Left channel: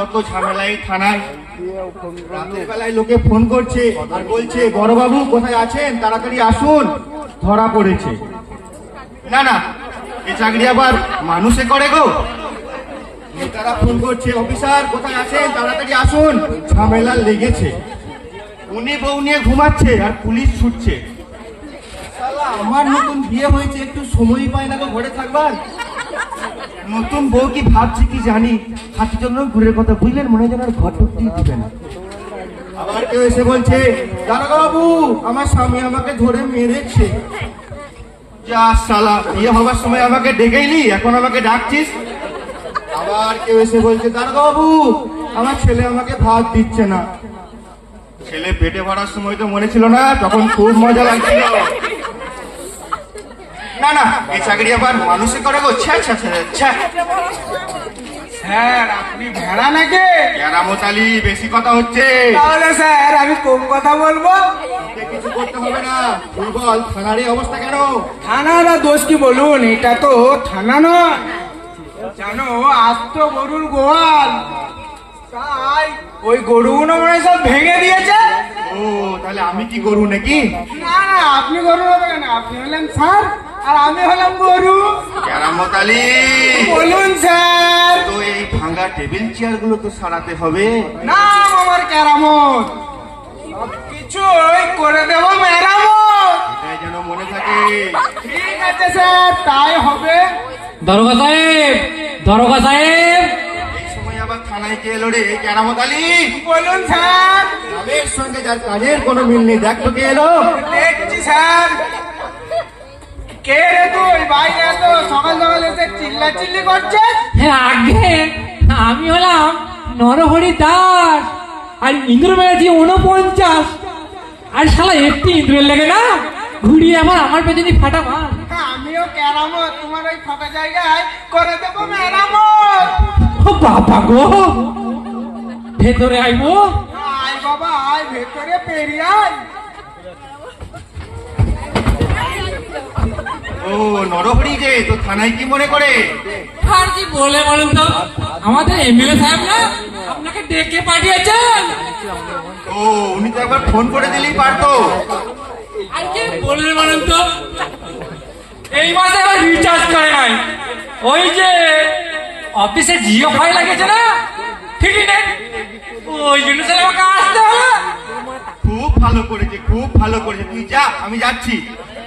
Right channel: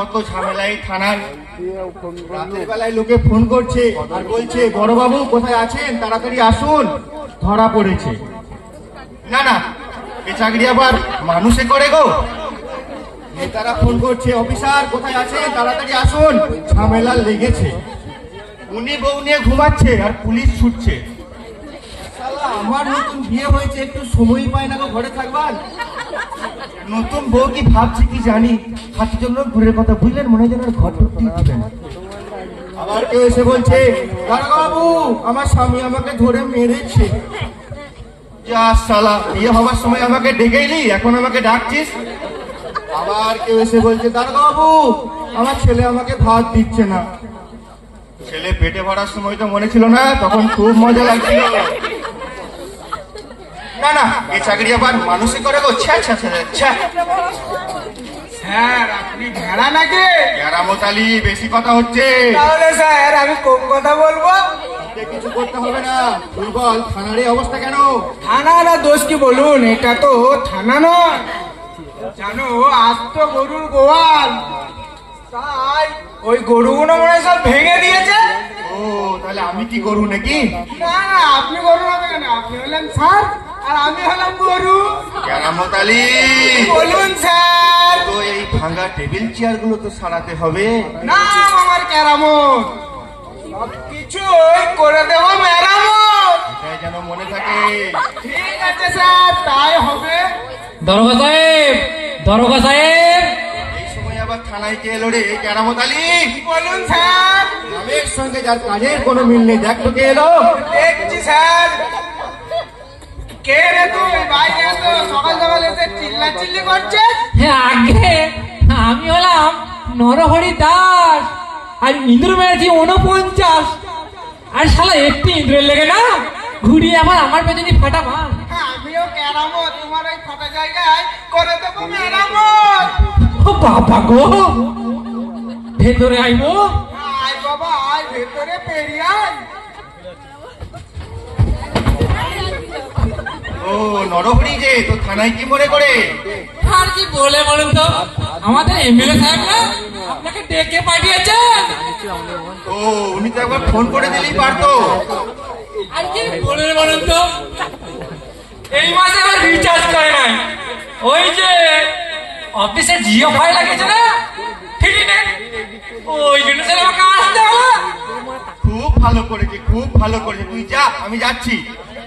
যত ঝামেলায় থানার রাতের বেলায় লোকে ফোন করছে আর বলছে বড়বাবু কোথায় আছেন? তাড়াতাড়ি আসুন। ধরা পড়েছে। না না এ চাকরি আবার মানুষে করে গো। নেতারা ফোন করছে অফিসার কোথায় আছেন? তাড়াতাড়ি আসুন। ঝামেলা লেগেছে। উনি বউ নিয়ে ঘুমাচ্ছে আর পুলিশ ছুটছে। আমার নতুন বিয়ে হয়েছে একটু সময় পায় না গো ঘরে থাকবার। নতুন বউ কি ভাবছি কি জানি? হাতি জন্য ঘুরে কথা বুঝলেন মনে হয় যেন ঘর আবার কেউ এসে বলছে বাবু আমার স্বামী আমাকে ধরে মেরেছে। যা বিয়ে সময় আমাকে এখন আমাকে ডাকছিস? আবার কেউ এসে বলছে বাবু আমার ছেলে আমাকে ভাত দিচ্ছে না। ছেলে পেটে ভরার সময় তো মনে ছিল না, তখন খুব মজা লাগছিল। না না এই চাকরি আবার মানুষে করে গো ছ্যা ছ্যা ছ্যা স্যার আপনি ভেড়া নাকি? কেরামত আলী বেশি কথা হচ্ছে। তাহলে স্যার আমি কম কথা বলব? কিছু করতে হবে না। তুই বল থানার এই অবস্থা কেন? থানা না দোষ কি বলুন? এটা তো থানা নয়। জানো আজ তো গরুর গোয়াল। তাই ওই গরুগুলো মনে সব ভেঙে দিয়েছে? ও তাহলে আমি কি করু নাকি? না আপনি গরু না আপনি হলেন স্যার। আর আমি হলাম গরু। কেরামত আলী বলুন স্যার। তো এই ভাঙা টেবিল চেয়ারগুলো তো সারাতে হবে? নাম আমার কেরামত সব কিছুই করে দেবো মেরামত। এটাই যেন মনে থাকে। ঠিক আছে স্যার তাই হবে। দরগা সাহেব দরগা সাহেব। এই সময় আবার থানায় কে এলো রে কেরামত আলী বলুন স্যার। গ্রামের সঙ্গে যার কাজের কোনো মিল নেই দেখ তো কে এলো। দেখছি স্যার। কে রে তুই? বাইরে সকাল সকাল এসে চিল্লা চিল্লি করছিস? হ্যাঁ আগে আমি হলাম নরহরি দাস আর ইন্দ্র মেরেছি উনপঞ্চাশ আর শালা একটি ইন্দ্রের লেগে না ঘুরিয়ে আমার আমার পেছনে ফাটা মাল। আমিও কেরামত তোমার ওই ফাঁকা জায়গায় করে দেবো মেরামত ও বাবা গো ভেতরে আইবো আয় বাবা আয় ভেতরে পেরিয়ে আয়। ও নরহরি যে তো থানায় কি মনে করে? আর কি বলে বলুন তো? আমাদের এমএলএ সাহেব না আপনাকে ডেকে পাঠিয়েছেন। ও উনি তো একবার ফোন করে দিলেই পারতো। আর কি বলে বলুন তো? এই মাসে আবার রিচার্জ করে নাই। ওই যে অফিসে জিও ভয় লাগিয়েছে না? ঠিকই না ওই জন্য স্যার আমাকে আসতে হবে। খুব ভালো করেছে খুব ভালো করেছে। তুই যা আমি যাচ্ছি।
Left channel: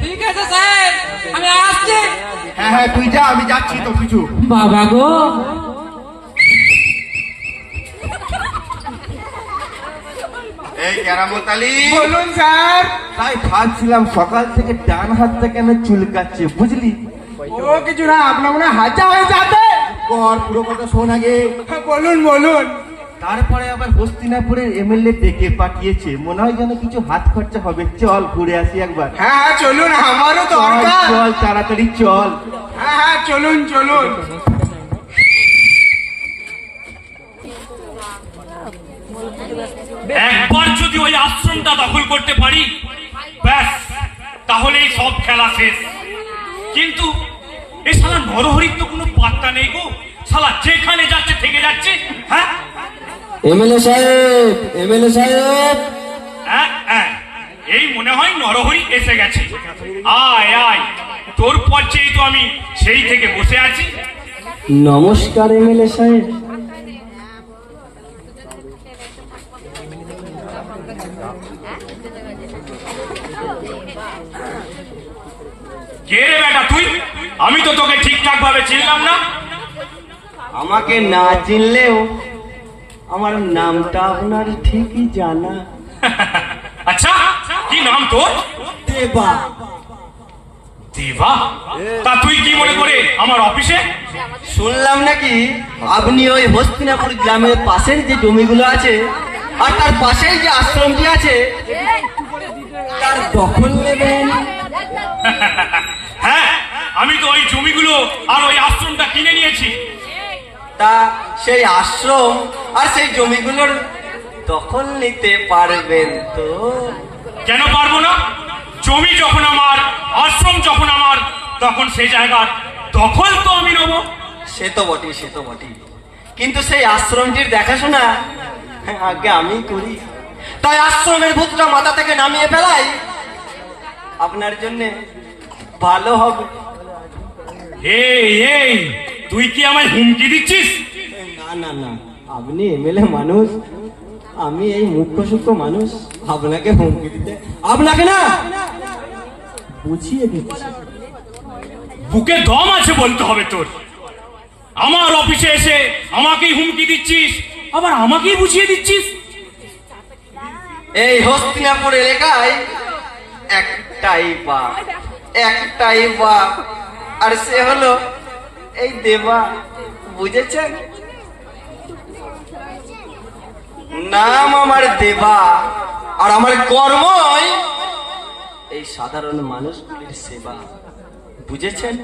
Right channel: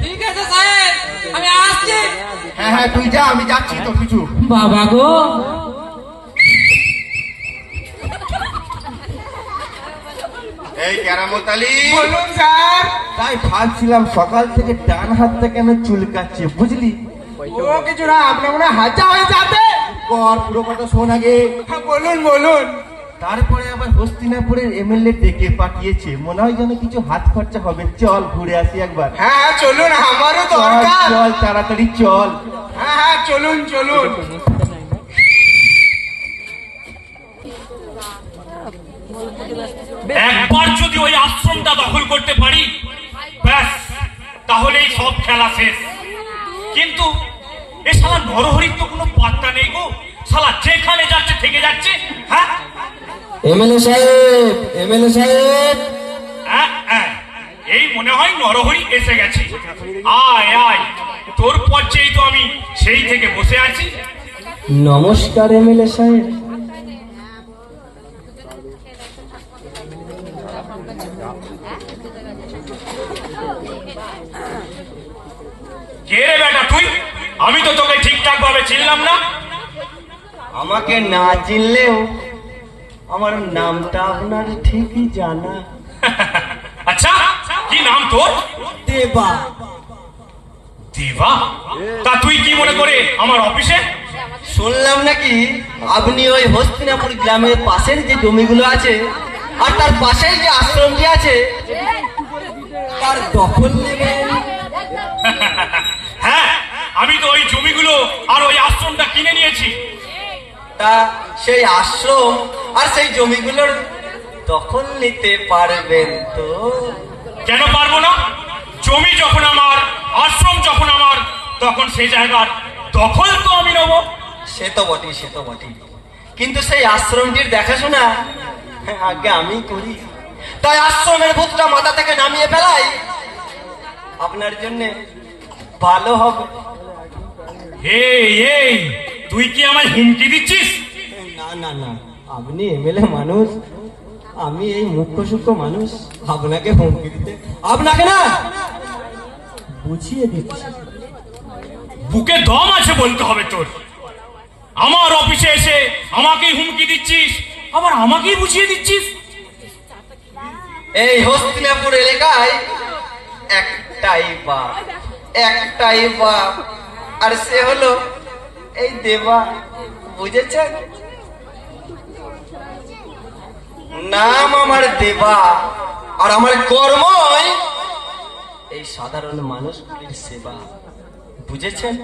ঠিক আছে স্যার। আমি আসছি। হ্যাঁ হ্যাঁ তুই যা আমি যাচ্ছি তো কিছু বাবা গো। এই কেরামত বলুন স্যার। তাই ভাবছিলাম সকাল থেকে ডান হাতটা কেন চুলকাচ্ছে বুঝলি? ও কিছু না আপনার মনে হাজা হয়ে যাবে কর পুরো কথা শোন আগে। হ্যাঁ, বলুন বলুন। তারপরে আবার হস্তিনাপুরের এমএলএ ডেকে পাঠিয়েছে। মনে হয় যেন কিছু হাত খরচা হবে। চল ঘুরে আসি একবার। হ্যাঁ চলুন আমারও দরকার। চল তাড়াতাড়ি চল। হ্যাঁ হ্যাঁ চলুন চলুন। একবার যদি ওই আশ্রমটা দখল করতে পারি ব্যাস তাহলে এই সব খেলা শেষ। কিন্তু এ শালা নরহরির তো কোনো পাত্তা নেই গো। শালা যেখানে যাচ্ছে থেকে যাচ্ছে হ্যাঁ? এমএলএ সাহেব এমএলএ সাহেব। হ্যাঁ, হ্যাঁ। এই মনে হয় নরহরি এসে গেছে। আয় আয়। তোর পর্যায়ে তো আমি সেই থেকে বসে আছি। নমস্কার এমএলএ সাহেব। কে রে বেটা তুই? আমি তো তোকে ঠিকঠাক ভাবে চিনলাম না। আমাকে না চিনলেও আমার নামটা আপনার ঠিকই জানা। আচ্ছা কি নাম তোর? দেবা। দেবা? তা তুই কি মনে করে আমার অফিসে? শুনলাম নাকি আপনি ওই হস্তিনাপুর গ্রামের পাশের যে জমিগুলো আছে আর তার পাশের যে আশ্রমটি আছে তার দখল নেবেন। হ্যাঁ আমি তো ওই জমিগুলো আর ওই আশ্রমটা কিনে নিয়েছি। তা সেই আশ্রম আর সেই জমিগুলোর দখল নিতে পারবেন তো? কেন পারব না? জমি যখন আমার আশ্রম যখন আমার তখন সেই জায়গার দখল তো আমি নেব। সে তো বটেই সে তো বটেই। কিন্তু সেই আশ্রমটির দেখাশোনা আগে আমি করি। তাই আশ্রমের ভূতটা মাথা থেকে নামিয়ে ফেলাই। আপনার জন্য ভালো হবে। এই এই তুই কি আমার হুমকি দিচ্ছিস? না না না। আপনি এমএলএ মানুষ। আমি এই মুখ্য সূক্ষ্ম মানুষ। আপনাকে হুমকি দিতে। আপনাকে না! বুঝিয়ে দিচ্ছি। বুকে দম আছে বলতে হবে তোর। আমার অফিসে এসে আমাকেই হুমকি দিচ্ছিস। আবার আমাকেই বুঝিয়ে দিচ্ছিস। এই হস্তিনাপুর এলাকায় একটাই বা একটাই বা আর সে হলো এই দেবা, বুঝেছেন? নাম আমার দেবা, আর আমার কর্মই এই সাধারণ মানুষগুলির সেবা। বুঝেছেন?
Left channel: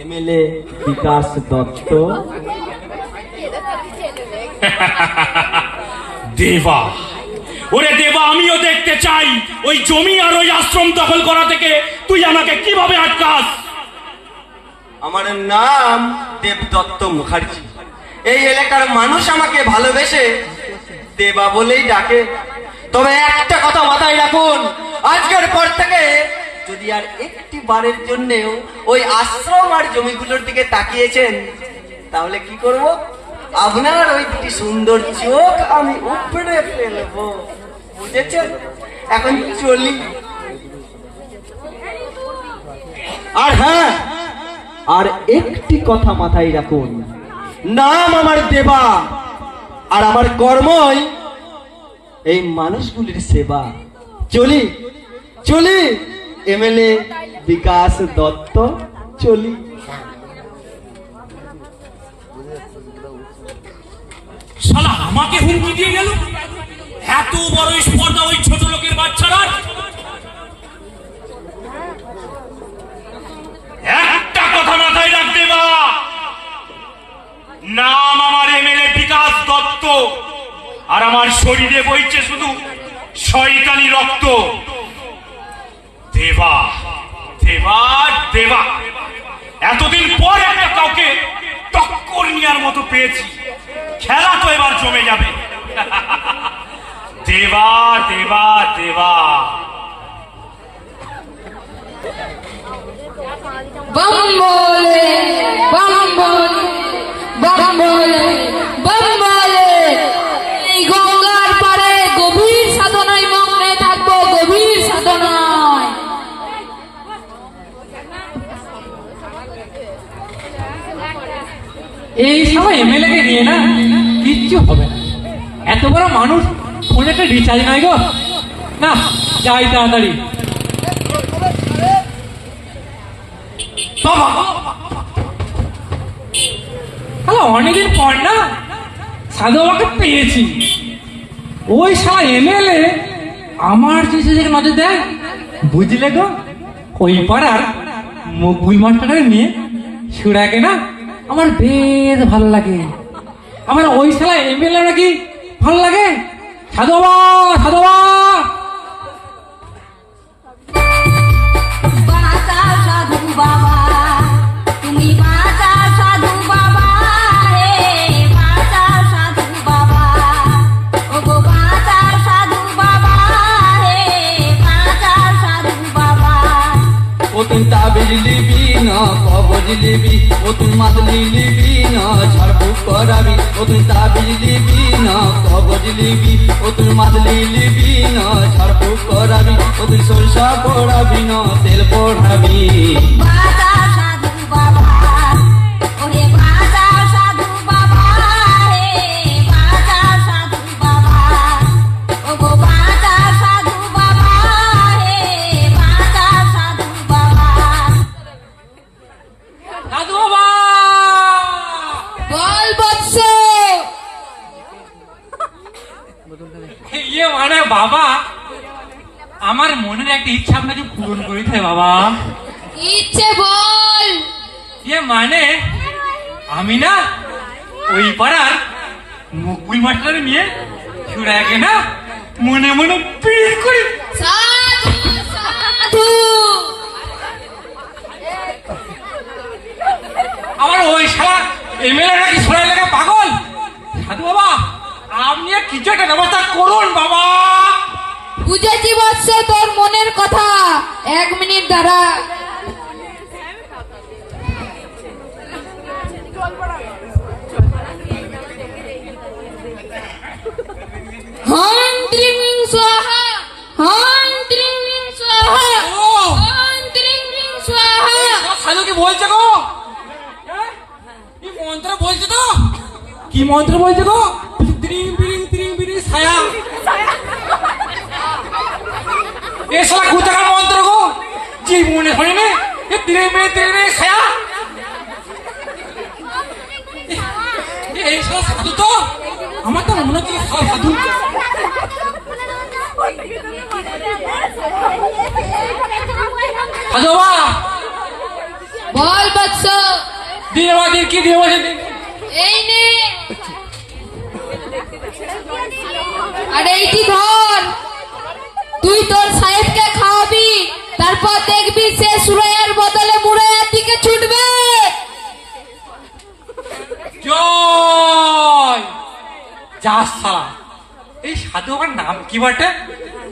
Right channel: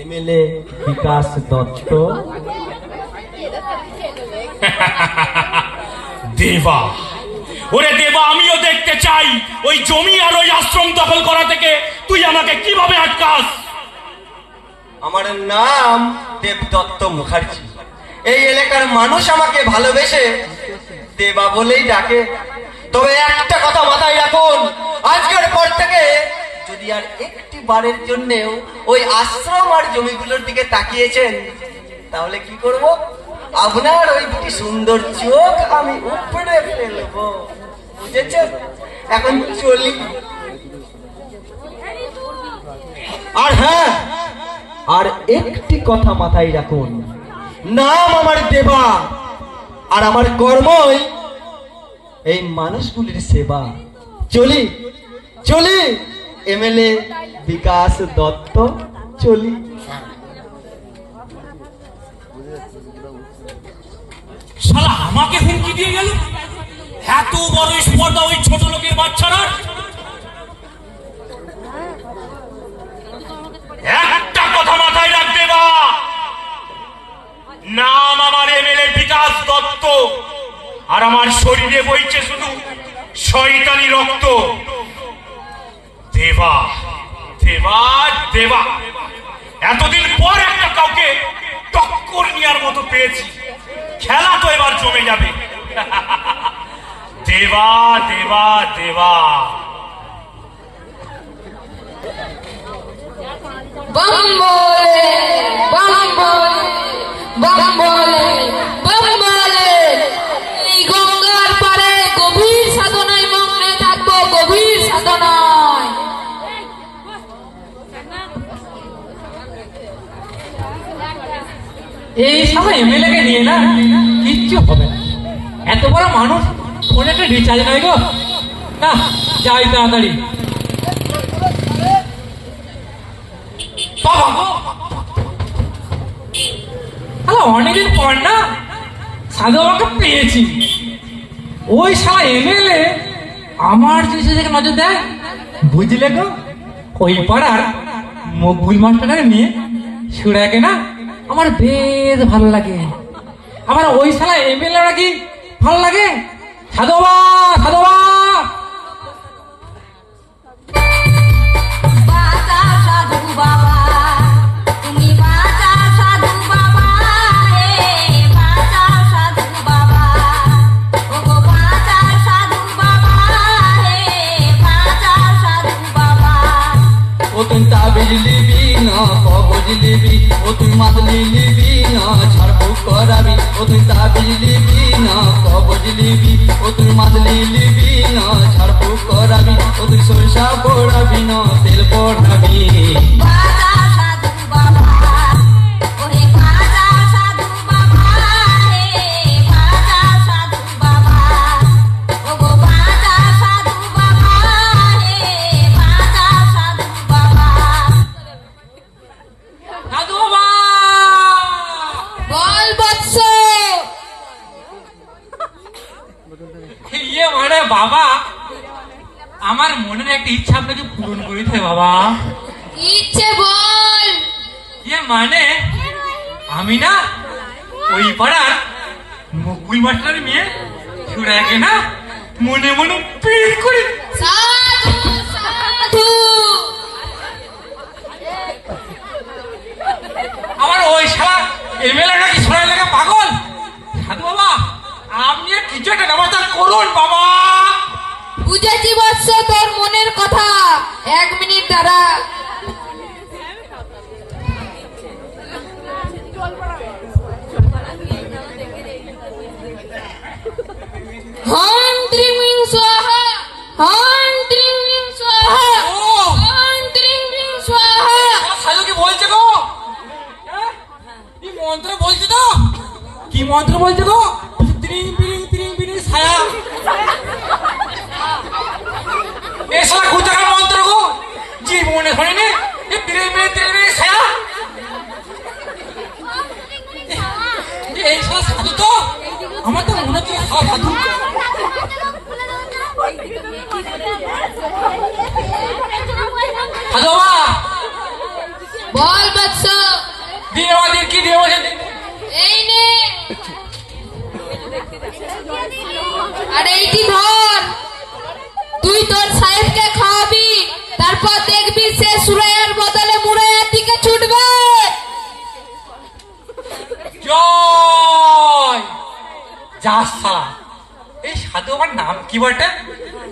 এমএলএ বিকাশ দত্ত। দেবা। ওরে দেবা, আমিও দেখতে চাই। ওই জমি আর ওই আশ্রম দখল করা থেকে তুই আমাকে কীভাবে আটকাস? আমার নাম দেবদত্ত মুখার্জি। এই এলাকার মানুষ আমাকে ভালোবেসে দেবা বলেই ডাকে। তবে একটা কথা মাথায় রাখুন, আজকের পর থেকে যদি আর একটি বারের জন্যেও ওই আশ্রম আর জমিগুলোর দিকে তাকিয়েছেন, তাহলে কি করব? আপনার ওই দুটি সুন্দর চোখ আমি উপড়ে ফেলব, বুঝেছেন? এখন চলি আর হ্যাঁ আর একটি কথা মাথায় রাখুন। নাম আমার দেবা, আর আমার কর্মই এই মানুষগুলির সেবা। চলি চলি, এমএলএ বিকাশ দত্ত, চলি। আমাকে হুমকি দিয়ে গেল? এত বড় স্পর্ধা ওই ছোট লোকের বাচ্চারা? একটা কথা মাথায় রাখবে বা নাম আমার এম এমএলএ বিকাশ দত্ত, আর আমার শরীরে বইছে শুধু শয়তানি রক্ত। দেবা দেবা দেবা। এতদিন পর একটা কাউকে টক্কর নেওয়ার মতো পেয়েছি। খেলা তো এবার জমে যাবে। দেবা দেবা দেবা। এই গঙ্গার পরে গভীর সাধনায় মগ্নে থাকব গভীর সাধনায়। এই সময় এমএলএ কে দিয়ে না? কিচ্ছু হবে না। এত বড় মানুষ ফোনে একটা রিচার্জ নাই গো। না যাই তাড়াতাড়ি। অনেকদিন পর না, সাধু আমাকে পেয়েছি। ওই সারা এমএলএ আমার যে সেদিকে নজর দেয়। বুঝলে গো? ওই পাড়ার মকবুল মাস্টারকে নিয়ে সুরাকে না আমার বেশ ভালো লাগে। আমার ওই সালা এমএলএ নাকি ভালো লাগে? 看到吗 একটা ইচ্ছা আপনাকে পূরণ করেছে বাবা ইচ্ছে বল ইয়ে মানে আমি না ওই পাড়ার মুকুল মাস্টার নিয়ে সুরাকে না মনে মনে পিড় করি আমার ওই সারা এমএলএ নাকি সোনার লেগে পাগল সাধু বাবা আপনি কিছু একটা ব্যবস্থা করুন বাবা বুঝেছি বৎস তোর মনের কথা। সাধু বাবা বল বৎস দিন আমার দিন কি দিন আমার দিন এই নে আর এইটি ধর তুই তোর সাহেবকে খাওয়াবি তারপর দেখবি সে সুরাইয়ের বদলে মুরাইয়ের দিকে ছুটবে জয় যা আমার নাম কি বটে?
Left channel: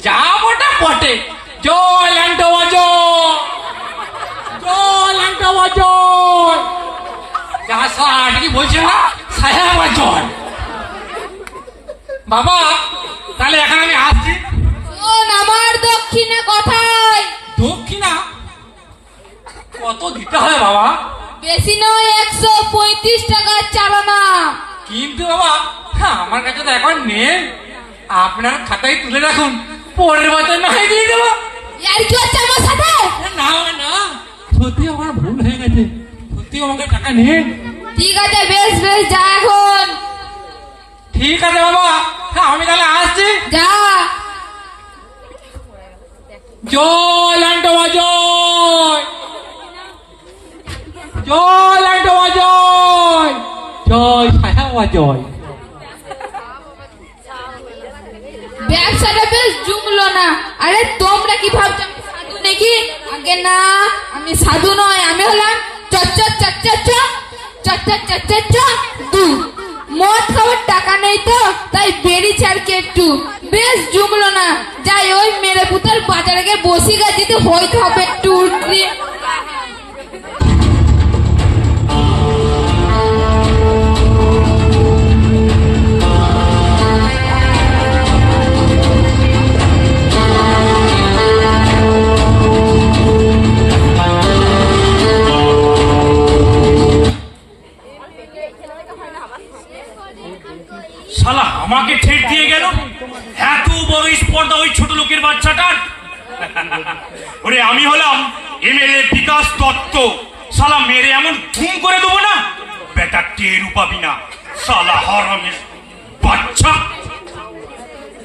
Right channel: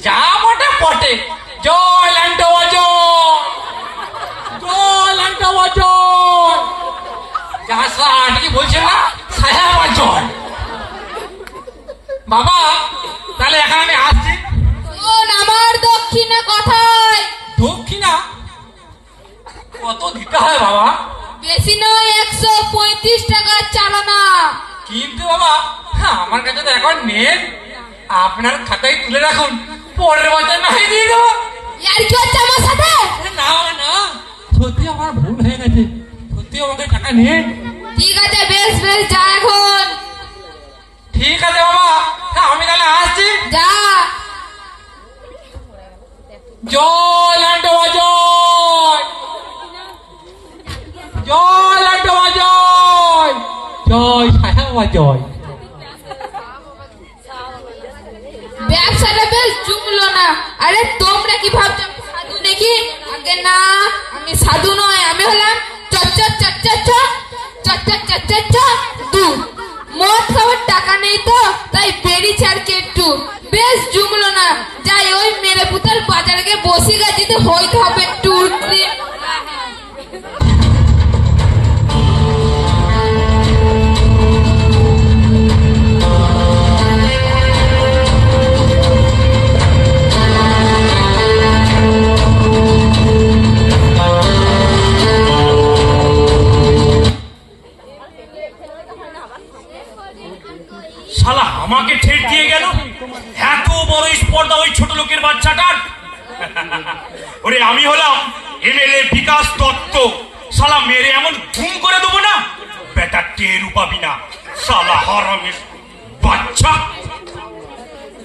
যা বটে বটে। জয় ল্যান্টো জয় জয় ল্যান্টো জয় যা সালা এটা কি বলছেন না সাহেব আমার জয় বাবা তাহলে এখন আমি আসছি। আমার দক্ষিণে কথায়? দক্ষিণা? কত দিতে হয় বাবা? বেশি নয় একশো পঁয়ত্রিশ টাকার চালানা। কিন্তু বাবা হ্যাঁ, আমার কাছে তো এখন নেই আপনার খাতায় তুলে রাখুন। পরের বছর না হয় দিয়ে দেবো। আর কি হচ্ছে আমার সাথে? না না। সত্যি আমার ভুল হয়ে গেছে। সত্যি আমাকে টাকা নিন ঠিক আছে বেশ বেশ যা এখন। ঠিক আছে বাবা। আমি তাহলে আসছি। যা। জয় লান্টো জয় জয় লান্টো জয় জয় সাহেব জয় ব্যবসাটা বেশ জমলো না আরে তোমরা কি ভাবছ? সাধু নাকি? আগে না, আমি সাধু নয়, আমি হলাম চচ্চর চচ্চর চচ্চর চচ্চর দু। মদ খাওয়ার টাকা নেই তো, তাই বেরি চারকে একটু। বেশ, জুমলো না। যাই, ওই মেরে পুতার বাজারে গিয়ে বসে গা আমাকে ঠেট দিয়ে গেল। এত বড় স্পর্ধা ওই ছোট লোকের বাচ্চাটার। ওরে আমি হলাম এমএলএ বিকাশ দত্ত। শালা মেরে এমন ধুম করে দেবো না? বেটা টেরু পাবি না শালা হরামি বাচ্চা।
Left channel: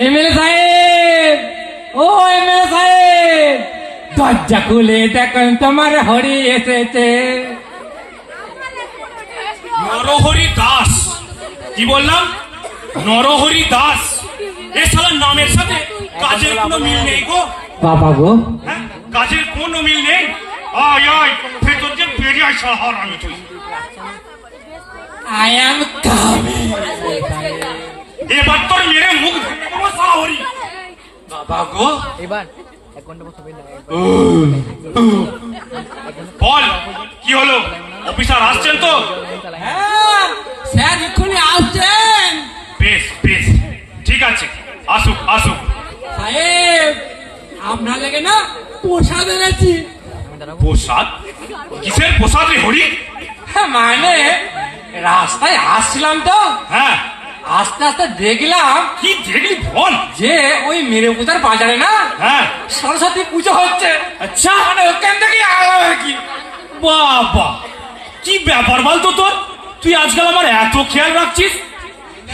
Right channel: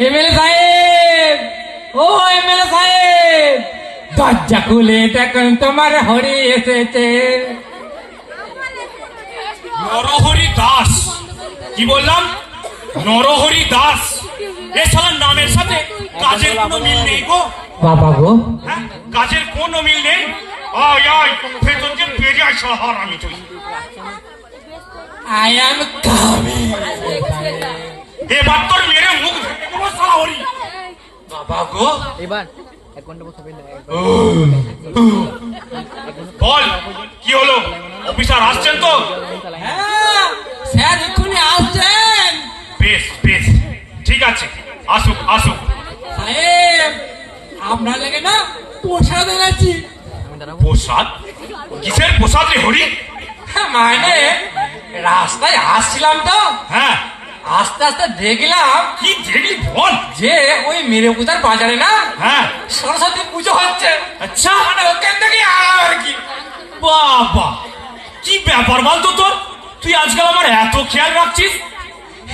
এমএলএ সাহেব ও এমএলএ সাহেব দরজা খুলে দেখুন তোমার হরি এসেছে। নরহরি দাস। কি বললাম? নরহরি দাস। এ শালার নামের সাথে কাজের কোনো মিল নেই গো। বাবা গো। হ্যাঁ? কাজের কোনো মিল নেই। আয় আয় ভেতরকে বেরিয়ে আয় শহর আমি তুই। আই এম কামিং এবার তোর মেরে মুখ ধরে দেবো শালা হরি। বাবা গো। বল কি হলো? অফিসার আসছেন তো? হ্যাঁ স্যার এক্ষুনি আসছেন। বেশ বেশ। ঠিক আছে আসুক আসুক। সাহেব আপনার লেগে না প্রসাদ এনেছি। প্রসাদ? কিসের প্রসাদ রে হরি? হ্যাঁ, মানে রাস্তায় আসছিলাম তো। হ্যাঁ। আস্তে আস্তে দেখলাম কি দেখলি বল? যে ওই মেরে পুতার বাজারে না হ্যাঁ। সরস্বতী পুজো হচ্ছে। আচ্ছা। মানে ওখান থেকে কি। বাবা কি ব্যাপার বলতো তোর? তুই আজকাল আমার এত খেয়াল রাখছিস?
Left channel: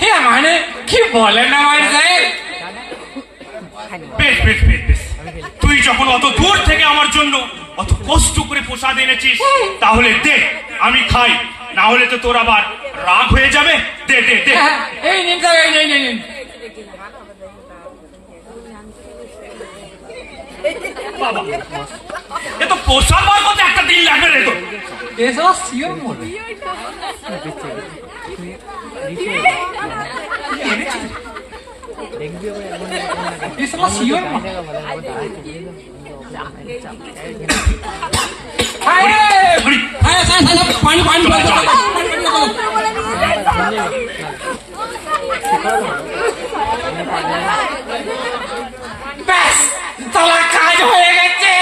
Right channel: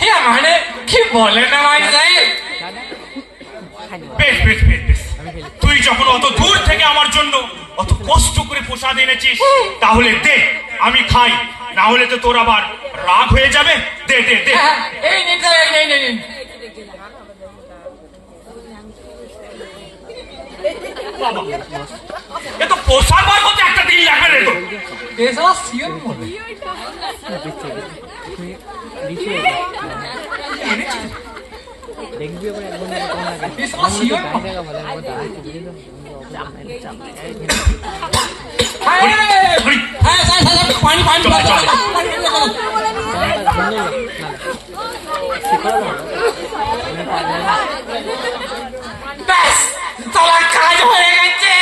হ্যাঁ মানে কি বলেন না ভাই সাহেব বেশ বেশ বেশ বেশ। তুই যখন অত দূর থেকে আমার জন্য অত কষ্ট করে প্রসাদ এনেছিস তাহলে দে আমি খাই। না হলে তো তোর আবার রাগ হয়ে যাবে। দে দে দে। হ্যাঁ, এই নিন এই নিন, নিন। নিন এ তো পোষার বার মতো একটা দিন লাগবে রে তো। পানি পানি। ব্যাস তালা কাজ হয়ে গেছে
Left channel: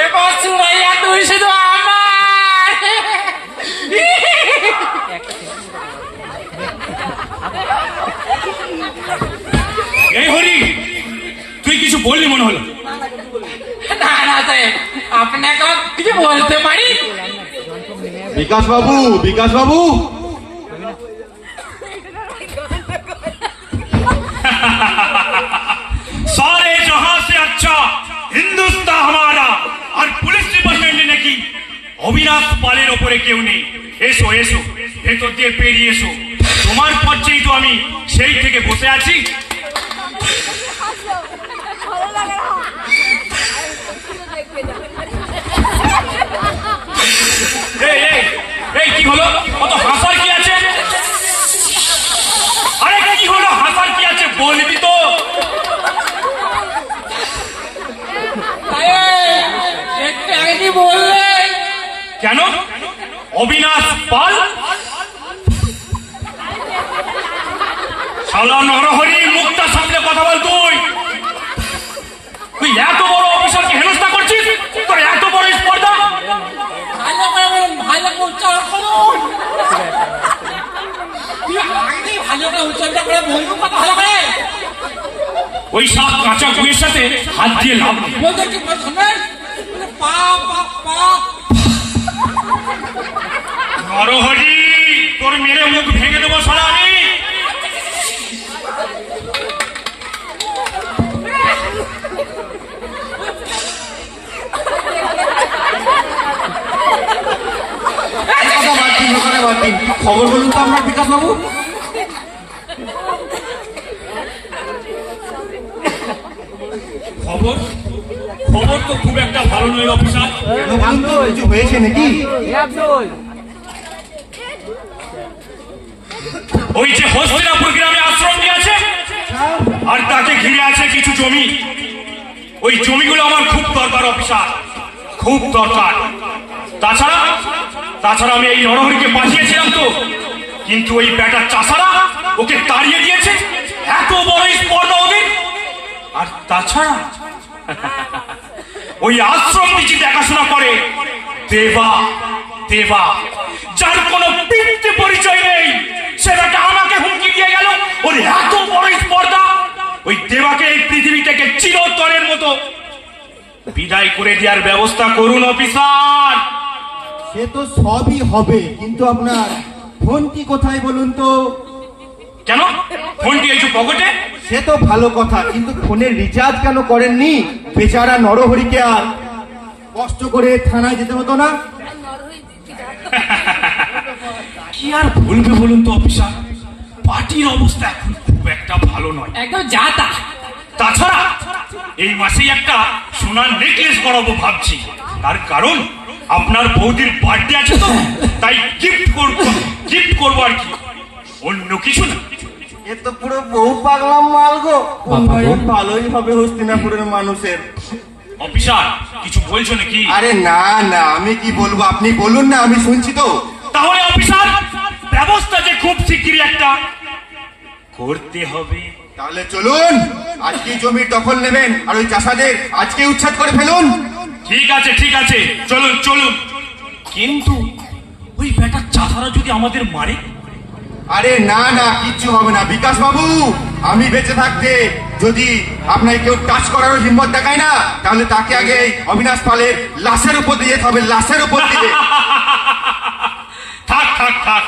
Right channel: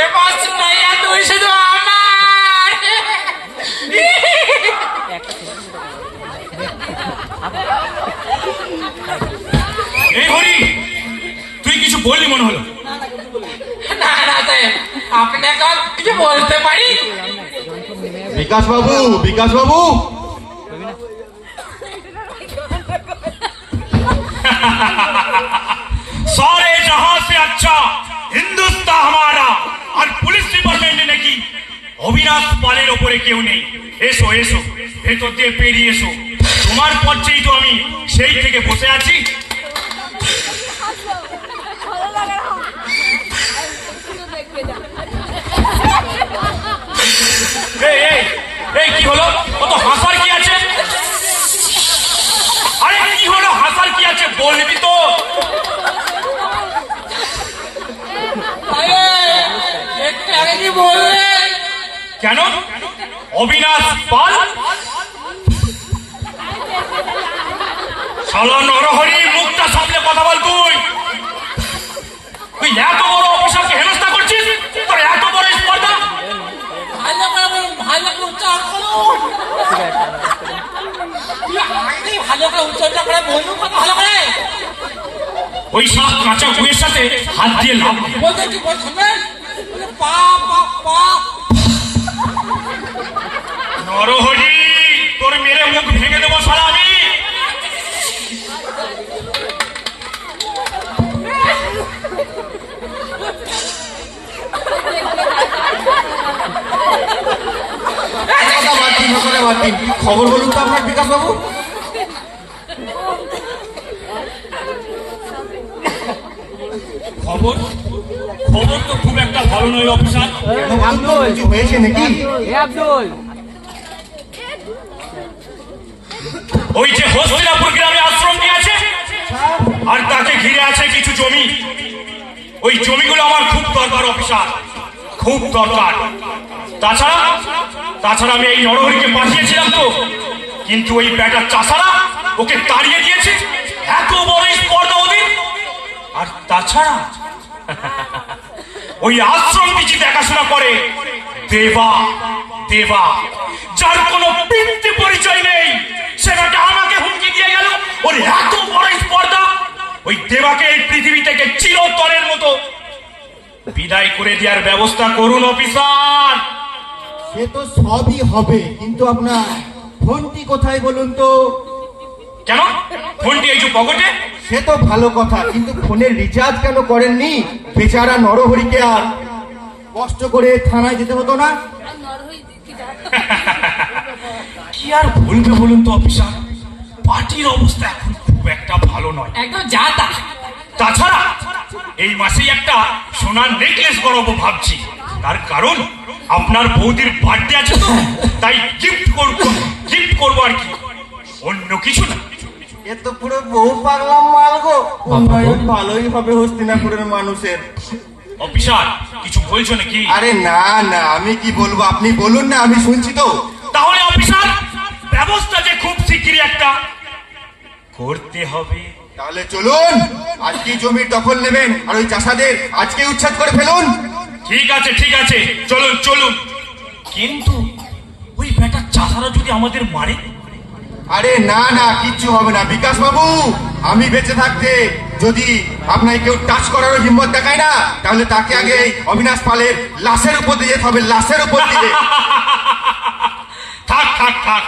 এবার সুমাইয়া তুই শুধু আমার এই হরি তুই কিছু বললি মনে হলো না না সাহেব, আপনি এখন কিছু বলতে পারি বিকাশ বাবু বিকাশ বাবু सारे जहां से अच्छा হিন্দুস্তান हमारा আর পুলিশ ডিপার্টমেন্টে নাকি অবিনাশ পালের ওপরে কেউ নেই এসো এসো ভেতর দিয়ে পেরিয়ে এসো তোমার পর্যায়ে তো আমি সেই থেকে বসে আছি কেন? অবিনাশ পাল? শালা নরহরি মুক্তা সামনে কথা বল তুই। তুই এত বড় অফিসারকে হেনস্থা করছিস? তোর এত ওই সব কাঁচা বইয়ের সাথে হাত দিয়ে লাভ। বলতে কি বলছেন পা পা পা। নরহরি তোর মেরে মুখ ভেঙে দেবো সারা আমি দিন। খবর বলুন তো আপনার বিকাশ বাবু। খবর? খবর তো খুব একটা ভালো নয়, অফিসার। কিছু হয়েছে নাকি ওই যে হস্তিনাপুর গ্রামে আশ্রম নিয়েছে, আর তাকে ঘিরে আছে কিছু জমি। ওই জমিগুলো আমার খুব দরকার, অফিসার। খুব দরকার। তাছাড়া তাছাড়া আমি এই নরহরিকে পাঠিয়েছিলাম তো। কিন্তু ওই ব্যাটার চাষারা ওকে তাড়িয়ে দিয়েছে। এত বড় স্পর্ধা ওদের আর তাছাড়া ওই আশ্রম নিচে দেখাশোনা করে দেবা দেবা, যার কোনো পিতৃ পরিচয় নেই সেটাকে আমাকে হুমকি দিয়ে গেল। ওর এত বড় স্পর্ধা, ওই দেবাকে এই পৃথিবী থেকে চিরতরের মতো বিদায় করে দেওয়ার ব্যবস্থা করুন, অফিসার। সে তো সবই হবে কিন্তু আপনার ফোনটি কোথায় বলুন তো? কেন? ফোনটি এই যে পকেটে? সে তো ভালো কথা কিন্তু ফোনের রিচার্জ কেন করেননি? বেচারা নরহরিকে আর কষ্ট করে থানায় যেতে হতো না? কি আর বলবে বলুন তো অফিসার? পার্টির অবস্থা এখন খুব একটা ভালো নয়। একদম যা তা। তাছাড়া এই মাসেই একটা সোনার নেকলেস করাবো ভাবছি। তার কারণ আপনার বৌদির বার্থডে আছে তো তাই গিফট করব গিফট করব আর কি। অন্য কিছু না। এ তো পুরো বউ পাগলাম মাল গো। ভালোই হবে হস্তিনাপুরের মানুষের। অফিসার কিছু বলছো নাকি? আরে না না আমি কি বলব? আপনি বলুন না আমি শুনছি তো। তাহলে অফিসার ব্যবস্থা যে খুব শিগগিরই একটা। করতে হবে তাহলে চলুন আজকে জমির দখল নেবেন আর ওই চাষাদের আজকে উচ্ছেদ করে ফেলুন? ঠিক আছে ঠিক আছে। চলুন চলুন। কিন্তু ওই বেটা চাষারা যদি আমাদের মারে? আরে না না কিচ্ছু হবে না। বিকাশ বাবু আমি বেঁচে থাকতে যদি আপনাকে কেউ টাচ করার হিম্মত দেখায় না তাহলে তাকে আগে অবিনাশ পালের লাশের উপর দিয়ে যেতে হবে লাশের উপর দিয়ে। থাক থাক থাক।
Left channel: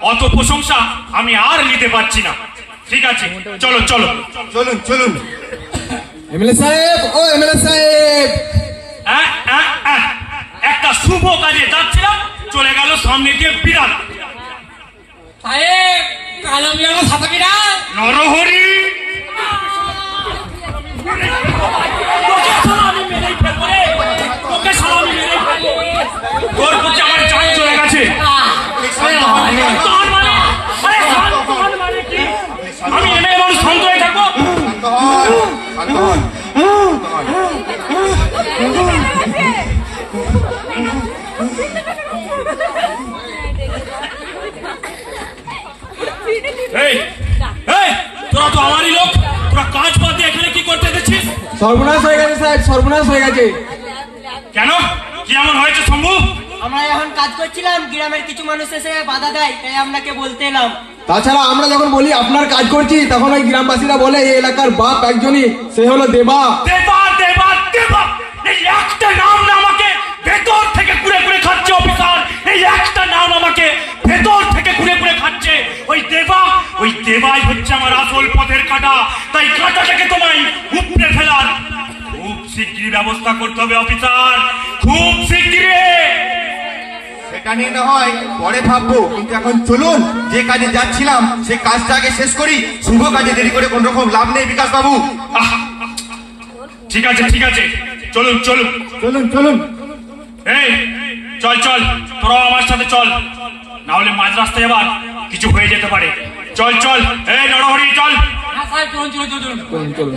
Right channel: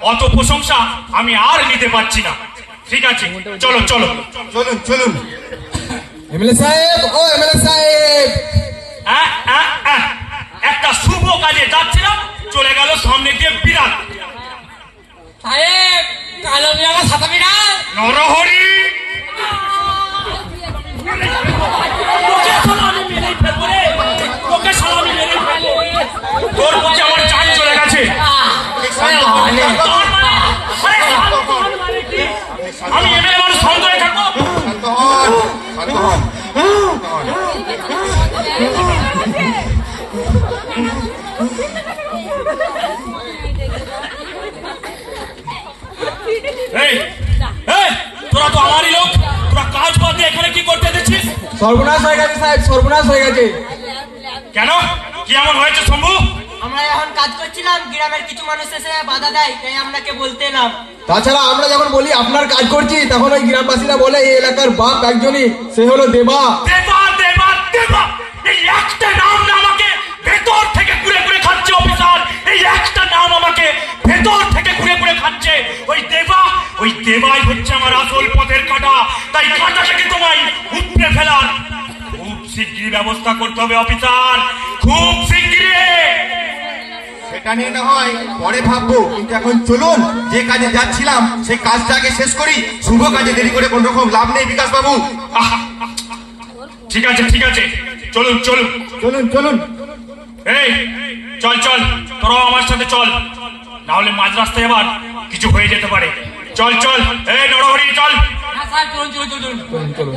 অত প্রশংসা আমি আর নিতে পারছি না। ঠিক আছে চলো চলো। চলুন চলুন। এমএলএ সাহেব ও এমএলএ সাহেব। একটা শুভ কাজে যাচ্ছিলাম চলে গেল সামনে গিয়ে বিরাট। সাহেব কালো বিরাট সাদা নরহরি। তোর আমার চলে গেছে। তোরা তো আমারই লোক। তোরা কাজ বাদ এখানে কি করতে দিচ্ছিস সর্বনাশ হয়ে গেছে সাহেব সর্বনাশ হয়ে গেছে। কেন? কি এমন হয়েছে শম্ভু? আমরা এখন কাজ করছিলাম গ্রামের কিছু মানুষ এসে বাধা দেয় তাই আপনাকে বলতে এলাম। তাছাড়া আমরা যখন বলি আপনার কাজ করছি, তখন ওই গ্রামবাসীরা বলে, এই এলাকার বাপ একজনই, সে হলো দেবা। ওই দেবা, ওই দেবাই হচ্ছে আমার আসল পথের কাটা। তাই খুব ব্যবস্থা করতে হবে, অফিসার। খুব শিগগিরই। নিয়ে না হয়? পরে ভাববো কিন্তু এখন চলুন যে কাজে যাচ্ছিলাম সেই কাজটা আগে শেষ করি। শুভ কাজে দেরি করে কোন রকম লাভ নেই বিকাশ বাবু! ঠিক আছে ঠিক আছে। চলুন চলুন। চলুন চলুন। এই চল চল তোরাও আমার সাথে চল। না হলে মাঝ রাস্তায় এবার কিছু হয়ে যেতে পারে। চল চল এই নরহরি চল। হ্যাঁ চলুন, চলুন।